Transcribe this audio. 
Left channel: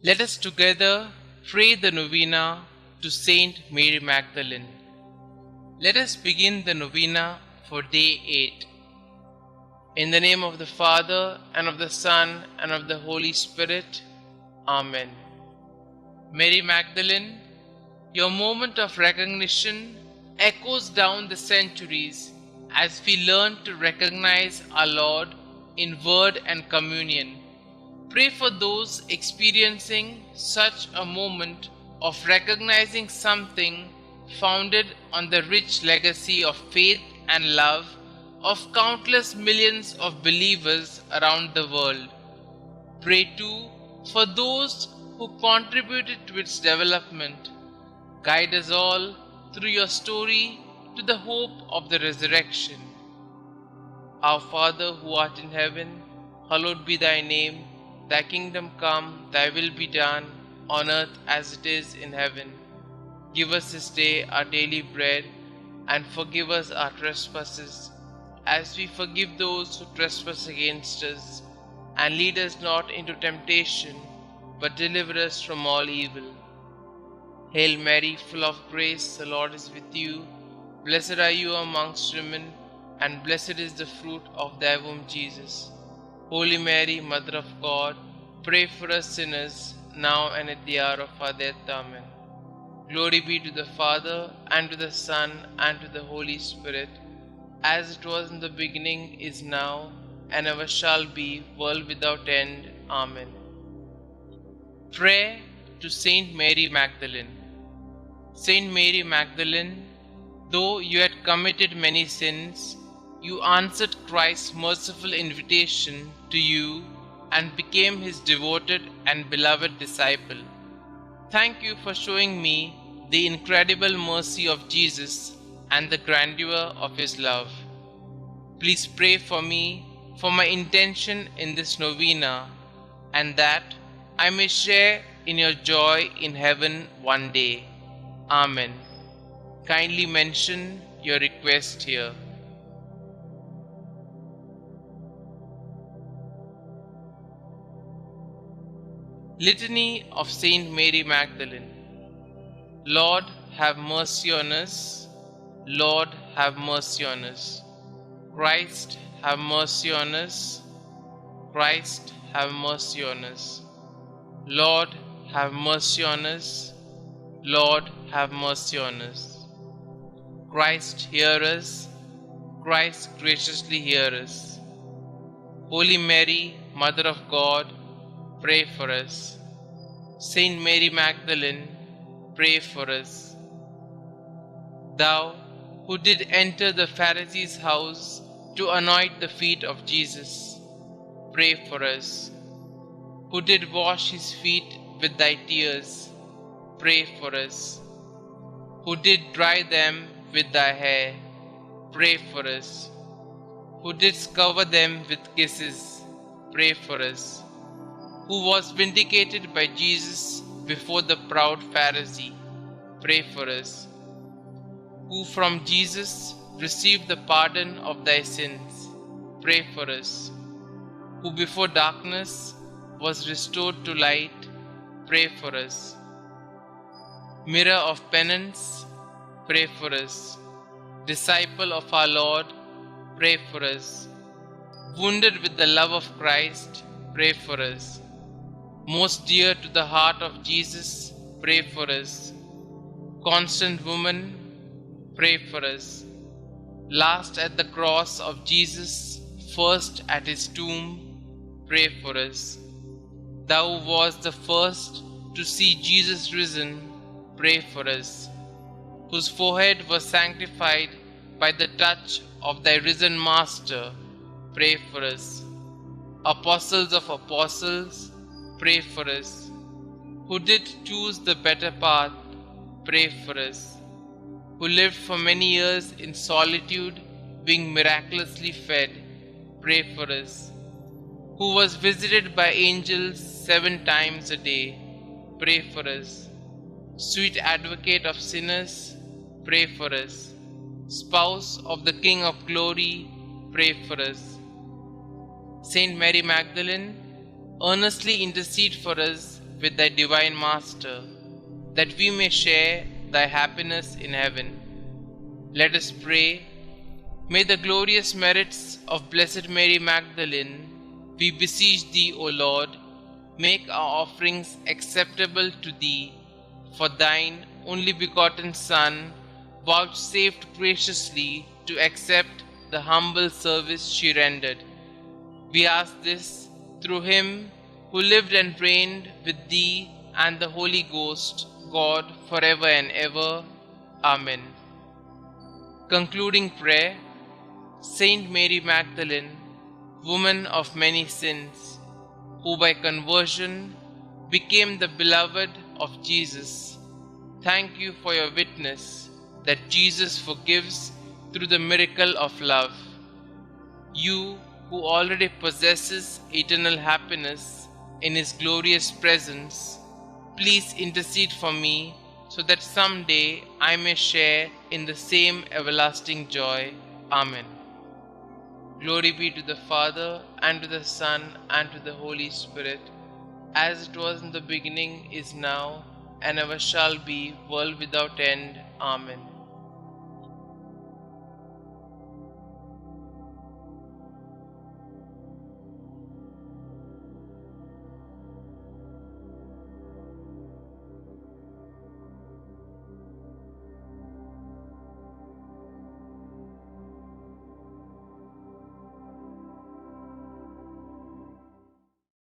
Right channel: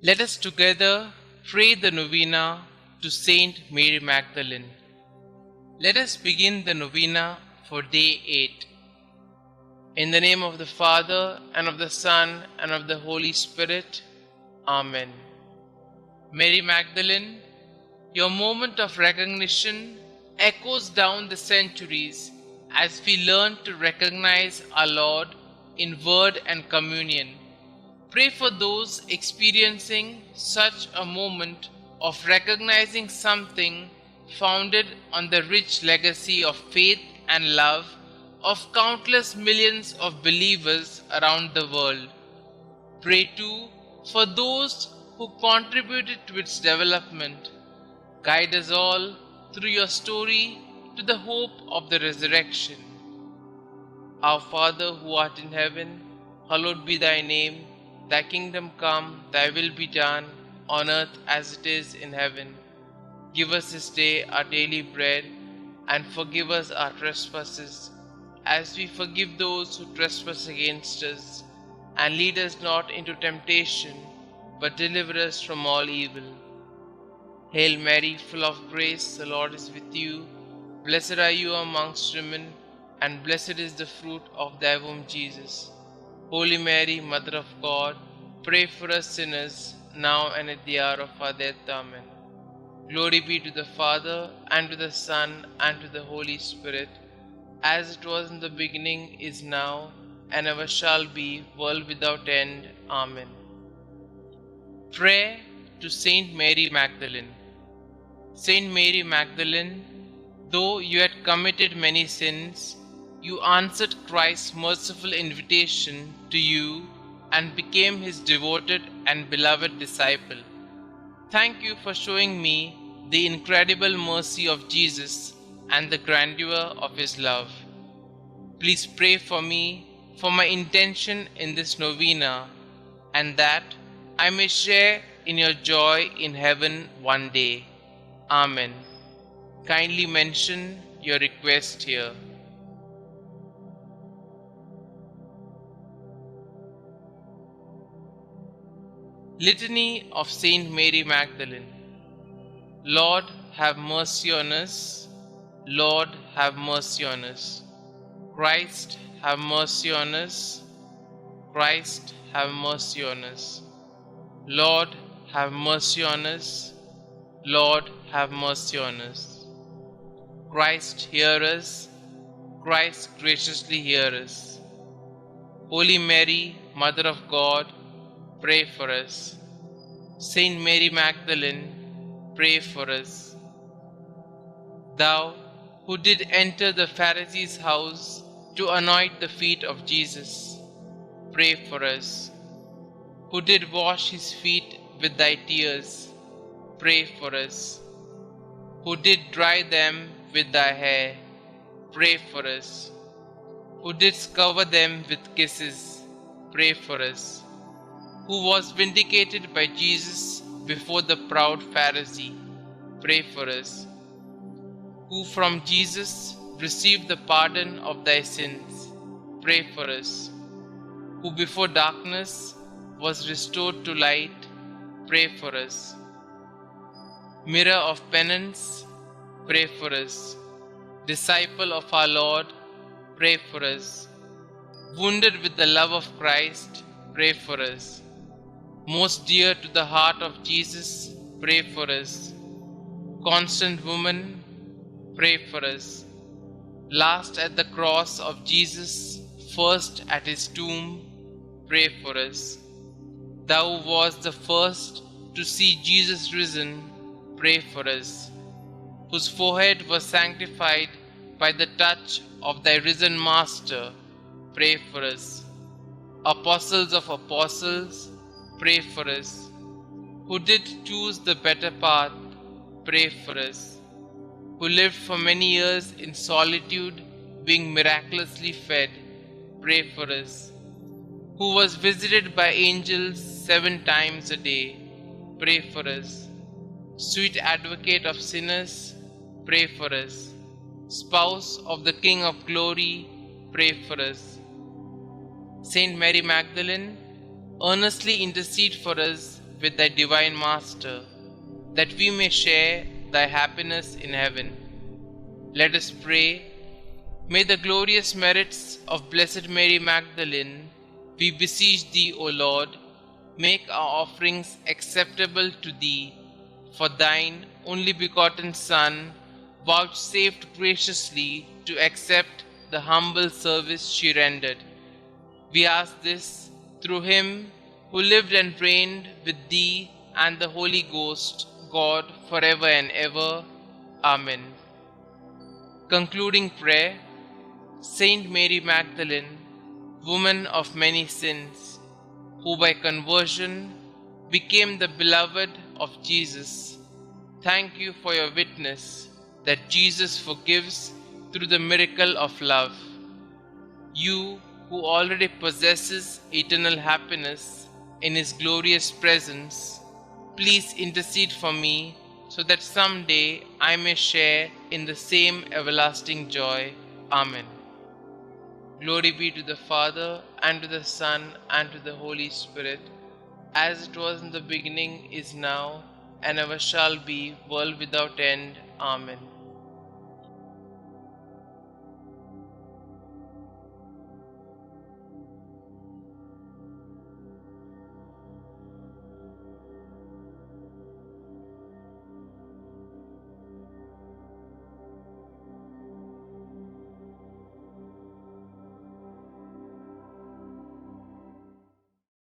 Let us together pray the Novena to St Mary Magdalene. Let us begin the Novena for day 8. In the name of the Father, and of the Son, and of the Holy Spirit. Amen. Mary Magdalene, your moment of recognition echoes down the centuries as we learn to recognize our Lord in word and communion. Pray for those experiencing such a moment of recognizing something founded on the rich legacy of faith and love of countless millions of believers around the world. Pray too for those who contributed to its development. Guide us all through your story to the hope of the resurrection. Our Father who art in heaven, hallowed be thy name. Thy kingdom come, thy will be done, on earth as it is in heaven. Give us this day our daily bread, and forgive us our trespasses, as we forgive those who trespass against us. And lead us not into temptation, but deliver us from all evil. Hail Mary, full of grace, the Lord is with you. Blessed are you amongst women, and blessed is the fruit of thy womb, Jesus. Holy Mary, Mother of God, pray for us sinners, now and at the hour of our death. Amen. Glory be to the Father, and to the Son, and to the Holy Spirit, as it was in the beginning, is now, and ever shall be, world without end. Amen. Prayer to St Mary Magdalene. St Mary Magdalene, though you had committed many sins, you answered Christ's merciful invitation to you and became his devoted and beloved disciple. Thank you for showing me the incredible mercy of Jesus and the grandeur of his love. Please pray for me for my intention in this novena, and that I may share in your joy in heaven one day. Amen. Kindly mention your request here. Litany of St Mary Magdalene. Lord, have mercy on us. Lord, have mercy on us. Christ, have mercy on us. Christ, have mercy on us. Lord, have mercy on us. Lord, have mercy on us. Christ, hear us. Christ, graciously hear us. Holy Mary, Mother of God, pray for us. Saint Mary Magdalene, pray for us. Thou who did enter the Pharisee's house to anoint the feet of Jesus, pray for us. Who did wash his feet with thy tears, pray for us. Who did dry them with thy hair, pray for us. Who didst cover them with kisses, pray for us. Who was vindicated by Jesus before the proud Pharisee, pray for us. Who from Jesus received the pardon of thy sins, pray for us. Who before darkness was restored to light, pray for us. Mirror of penance, pray for us. Disciple of our Lord, pray for us. Wounded with the love of Christ, pray for us. Most dear to the heart of Jesus, pray for us. Constant woman, pray for us. Last at the cross of Jesus, first at his tomb, pray for us. Thou wast the first to see Jesus risen, pray for us. Whose forehead was sanctified by the touch of thy risen Master, pray for us. Apostles of apostles, pray for us. Who did choose the better path, pray for us. Who lived for many years in solitude, being miraculously fed, pray for us. Who was visited by angels 7 times a day, pray for us. Sweet advocate of sinners, pray for us. Spouse of the King of Glory, pray for us. Saint Mary Magdalene, earnestly intercede for us with thy divine Master, that we may share thy happiness in heaven. Let us pray. May the glorious merits of Blessed Mary Magdalene, we beseech thee, O Lord, make our offerings acceptable to thee, for thine only begotten Son vouchsafed graciously to accept the humble service she rendered. We ask this through him who lived and reigned with thee and the Holy Ghost, God, forever and ever. Amen. Concluding prayer. Saint Mary Magdalene, woman of many sins, who by conversion became the beloved of Jesus, thank you for your witness that Jesus forgives through the miracle of love. You who already possesses eternal happiness in His glorious presence, please intercede for me so that someday I may share in the same everlasting joy. Amen. Glory be to the Father, and to the Son, and to the Holy Spirit, as it was in the beginning, is now, and ever shall be, world without end. Amen.